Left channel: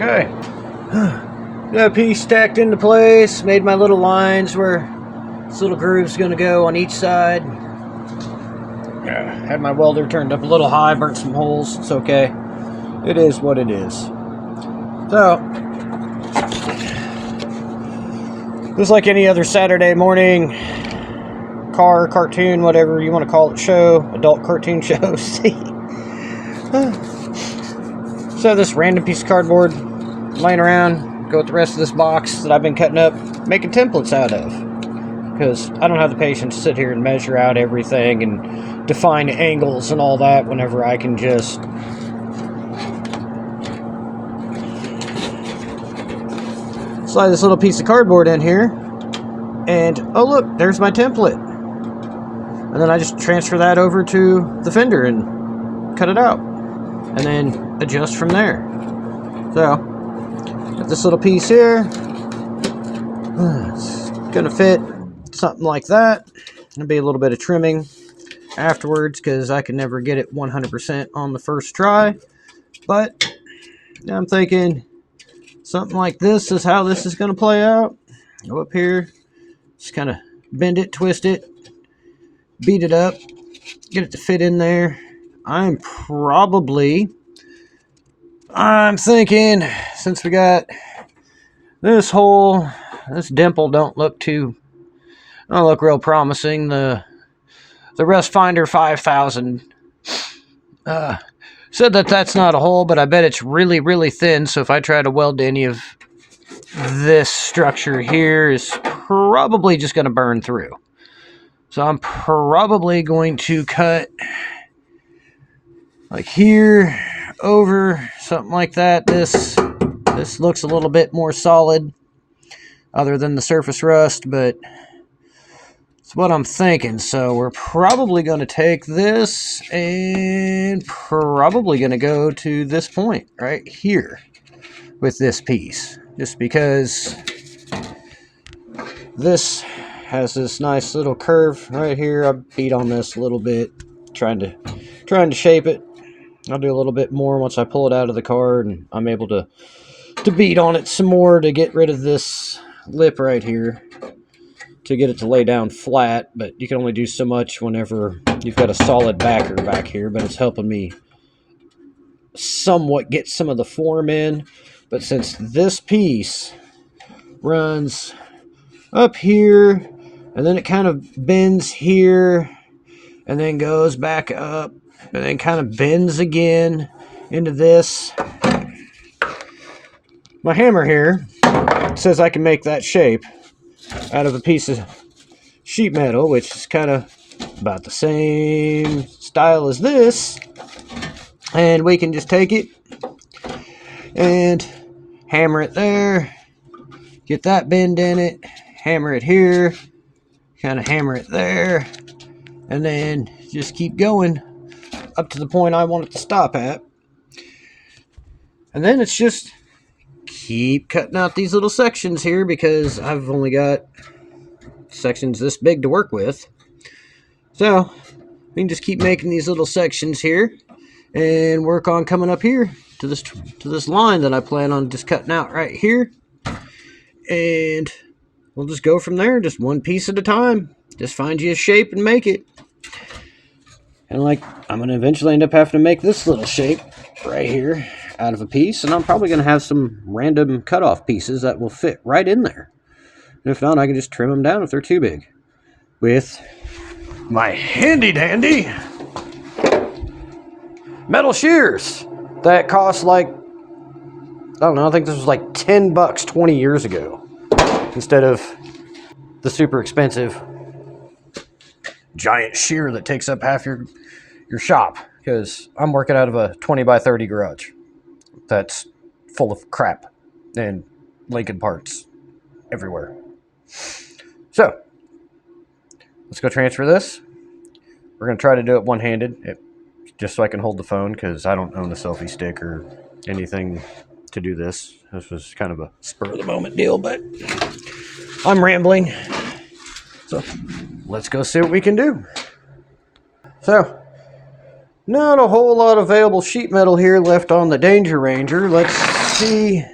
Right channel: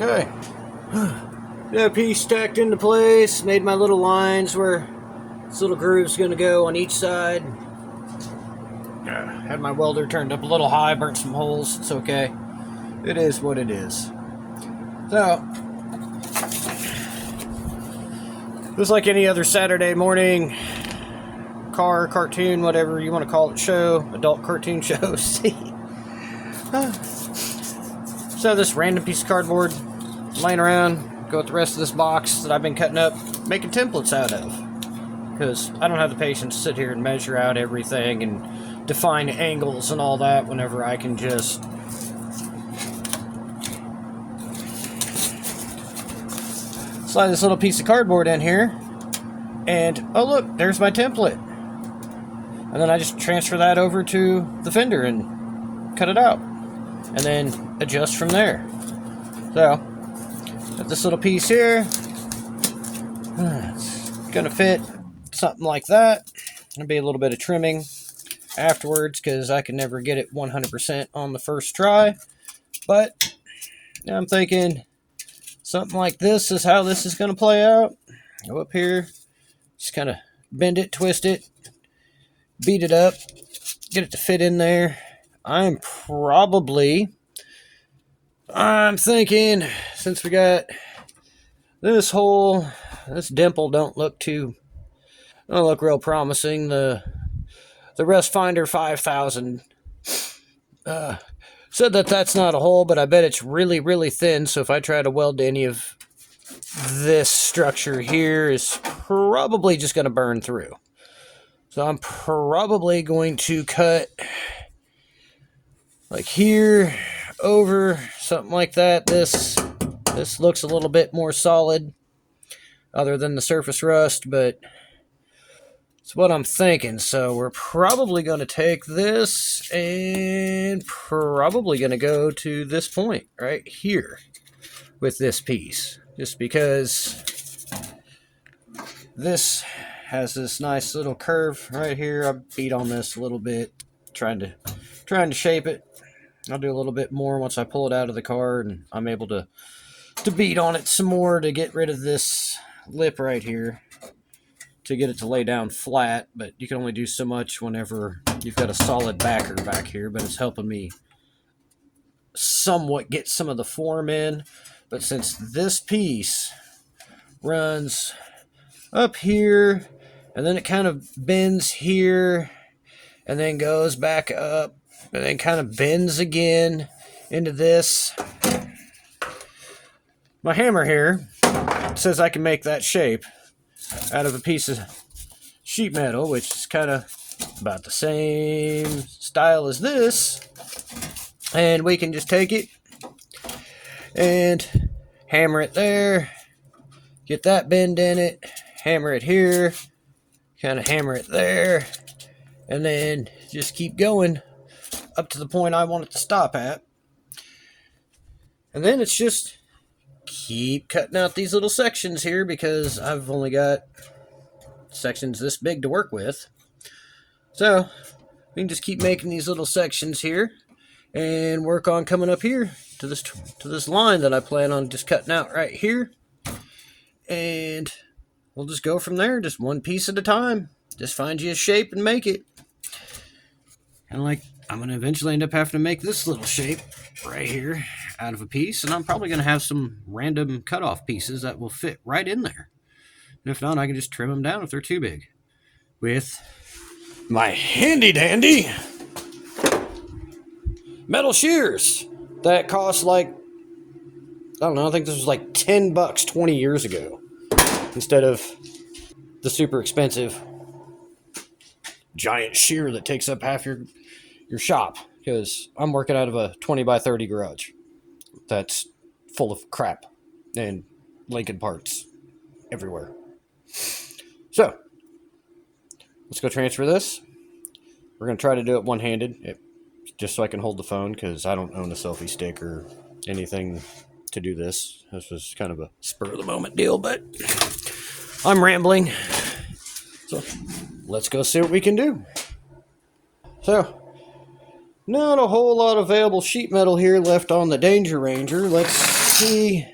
Okay. Got a piece stacked into place, made my little lines where this little groove's gonna go on each side. Had my welder turned up a little high, burnt some holes. It's okay. It is what it is. So, just like any other Saturday morning car, cartoon, whatever you want to call it, show, adult cartoon show, see. So this random piece of cardboard laying around, go with the rest of this box that I've been cutting up, making templates out of. Because I don't have the patience to sit here and measure out everything and define angles and all that whenever I can just slide this little piece of cardboard in here, and oh look, there's my template. And then I just transfer that over to the fender and cut it out, and then adjust from there. So, got this little piece here. It's gonna fit something like that. Gonna be a little bit of trimming afterwards because I can never get it 100% on the first try. But I'm thinking something like this is how this is going to play out. Go up here, just kind of bend it, twist it, beat it up, get it to fit in there. I'm thinking, since we got this hole, this dimple don't look real promising. The Rust Finder 5000 said that that's not a hole, but I bet it's really, really thin, so if I try to weld to any of this structure here, is probably just going to burn through. So I'm probably going to cut like here, over, something like that. This looks a little bit more solid, other than the surface rust, but it's what I'm thinking. So we're probably going to take this and probably going to go to this point right here with this piece, just because this has this nice little curve right here. I beat on this a little bit, trying to shape it. I'll do a little bit more once I pull it out of the car and I'm able to beat on it some more to get rid of this lip right here, to get it to lay down flat. But you can only do so much whenever you've got a solid backer back here, but it's helping me somewhat get some of the form in. But since this piece runs up here and then it kind of bends here and then goes back up and then kind of bends again into this, my hammer here says I can make that shape out of a piece of sheet metal, which is kind of about the same style as this, and we can just take it and hammer it there, get that bend in it, hammer it here, kind of hammer it there, and then just keep going up to the point I want it to stop at. And then it's just keep cutting out these little sections here, because I've only got sections this big to work with. So we can just keep making these little sections here and work on coming up here to this line that I plan on just cutting out right here. And we'll just go from there, just one piece at a time. Just find you a shape and make it. And like, I'm going to eventually end up having to make this little shape right here out of a piece, and I'm probably going to have some random cutoff pieces that will fit right in there. And if not, I can just trim them down if they're too big with my handy dandy metal shears that cost like, I don't know, I think this was like $10 20 years ago, instead of the super expensive giant shear that takes up half your shop, because I'm working out of a 20 by 30 garage that's full of crap and Lincoln parts everywhere. So let's go transfer this. We're going to try to do it one-handed, just so I can hold the phone, because I don't own a selfie stick or anything to do this. This was kind of a spur-of-the-moment deal, but I'm rambling. So let's go see what we can do. So not a whole lot of available sheet metal here left on the Danger Ranger. Let's see.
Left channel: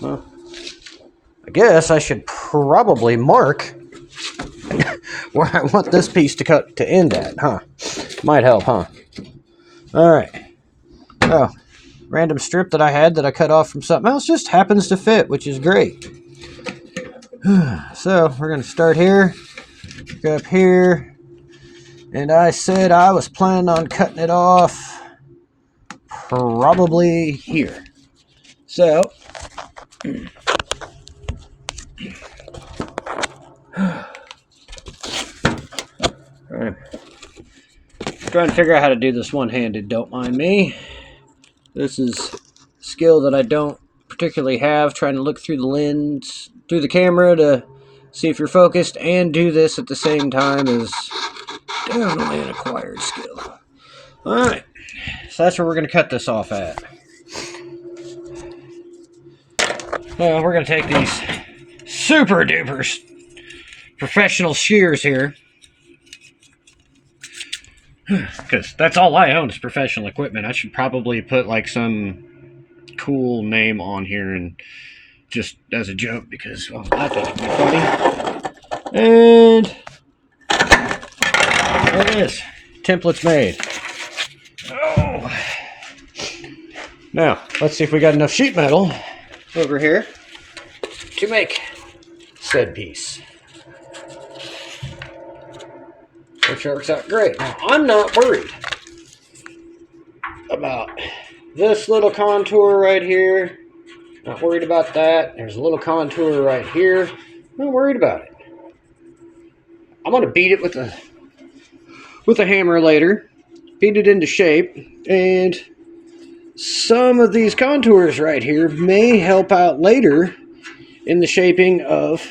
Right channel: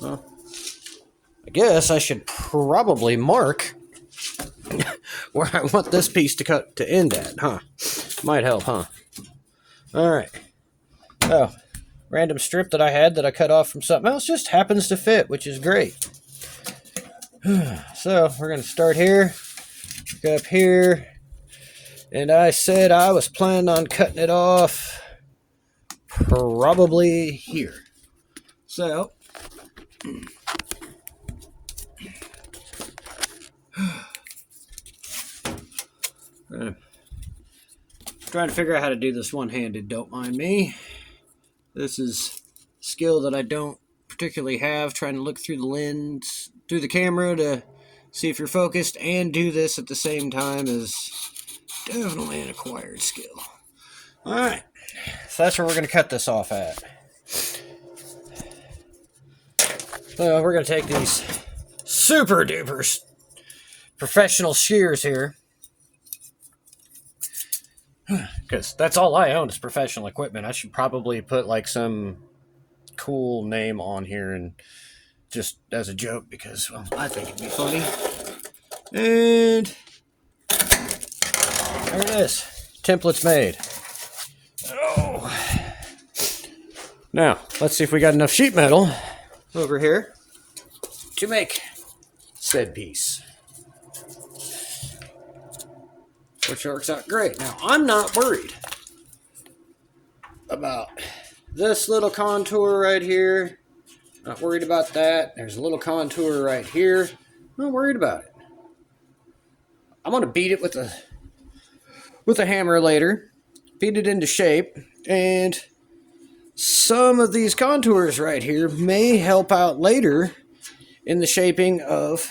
Well, I guess I should probably mark where I want this piece to end at, huh? Might help, huh? Alright. Now, random strip that I had that I cut off from something else just happens to fit, which is great. So, we're going to start here, go up here, and I said I was planning on cutting it off probably here. So, trying to figure out how to do this one-handed, don't mind me. This is a skill that I don't particularly have, trying to look through the lens, through the camera to see if you're focused, and do this at the same time is definitely an acquired skill. Alright, so that's where we're going to cut this off at. Now we're going to take these super duper professional shears here, because that's all I own is professional equipment. I should probably put like some cool name on here and just as a joke, because, well, I think it'd be funny. And there it is. Template's made. Oh. Now, let's see if we got enough sheet metal over here to make said piece. Which works out great. Now, I'm not worried about this little contour right here. Not worried about that. There's a little contour right here. Not worried about it. I'm going to beat it with a hammer later. Beat it into shape. And some of these contours right here may help out later in the shaping of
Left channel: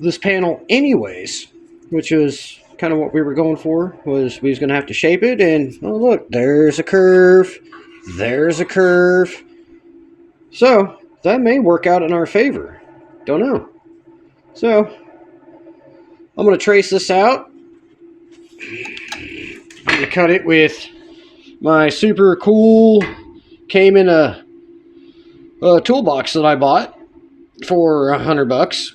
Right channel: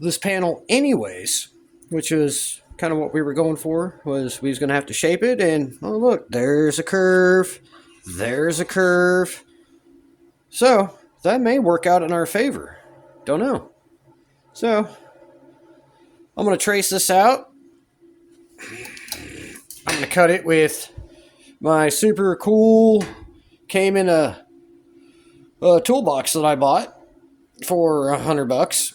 this panel anyways. Which was kind of what we were going for. Was we was going to have to shape it. And, oh look, there's a curve. There's a curve. So, that may work out in our favor. Don't know. So, I'm going to trace this out. I'm going to cut it with my super cool, came in a toolbox that I bought for $100.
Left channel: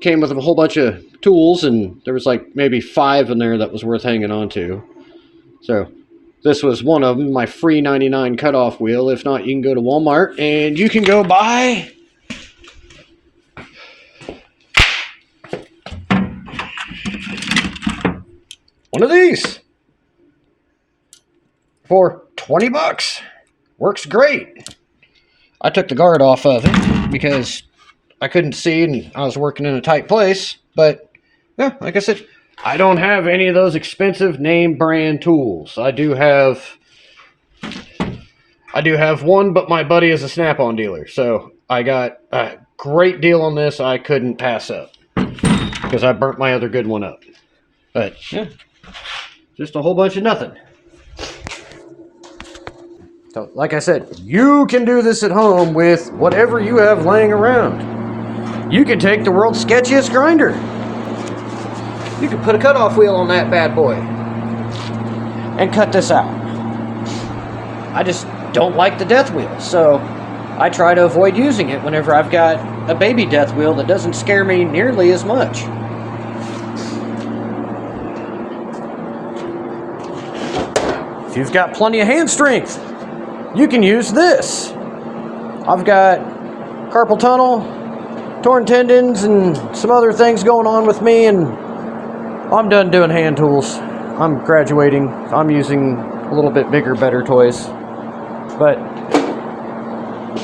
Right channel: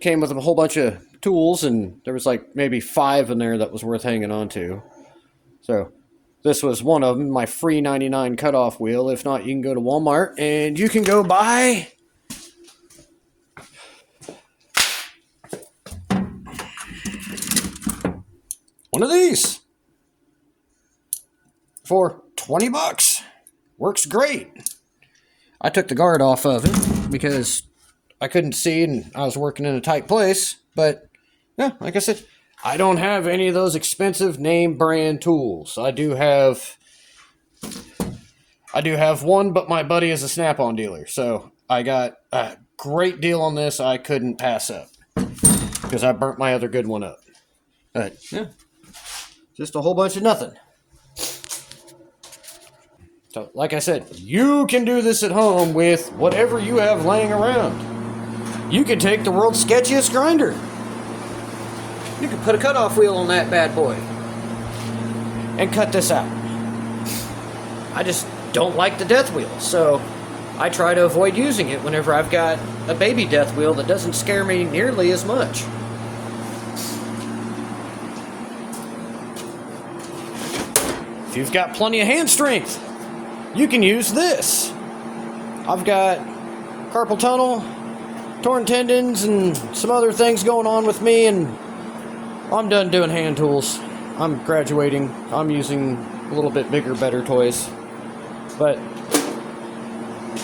Came with a whole bunch of tools, and there was like maybe 5 in there that was worth hanging on to. So, this was one of them, my free 99 cutoff wheel. If not, you can go to Walmart and you can go buy one of these for $20. Works great. I took the guard off of it because I couldn't see and I was working in a tight place. But, yeah, like I said, I don't have any of those expensive name brand tools. I do have one, but my buddy is a Snap-on dealer. So I got a great deal on this I couldn't pass up because I burnt my other good one up. But, yeah, just a whole bunch of nothing. So, like I said, you can do this at home with whatever you have laying around. You can take the world's sketchiest grinder. You can put a cutoff wheel on that bad boy and cut this out. I just don't like the death wheel, so I try to avoid using it whenever I've got a baby death wheel that doesn't scare me nearly as much. If you've got plenty of hand strength, you can use this. I've got carpal tunnel, torn tendons, and some other things going on with me, and I'm done doing hand tools. I'm graduating. I'm using a little bit bigger, better toys. But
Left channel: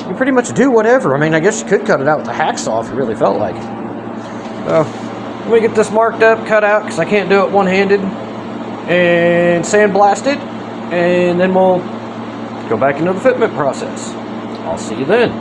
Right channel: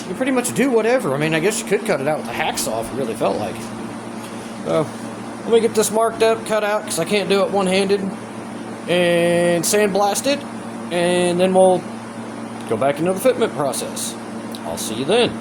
you pretty much do whatever. I mean, I guess you could cut it out with a hacksaw if you really felt like it. So, I'm going to get this marked up, cut out, because I can't do it one-handed, and sandblast it, and then we'll go back into the fitment process. I'll see you then.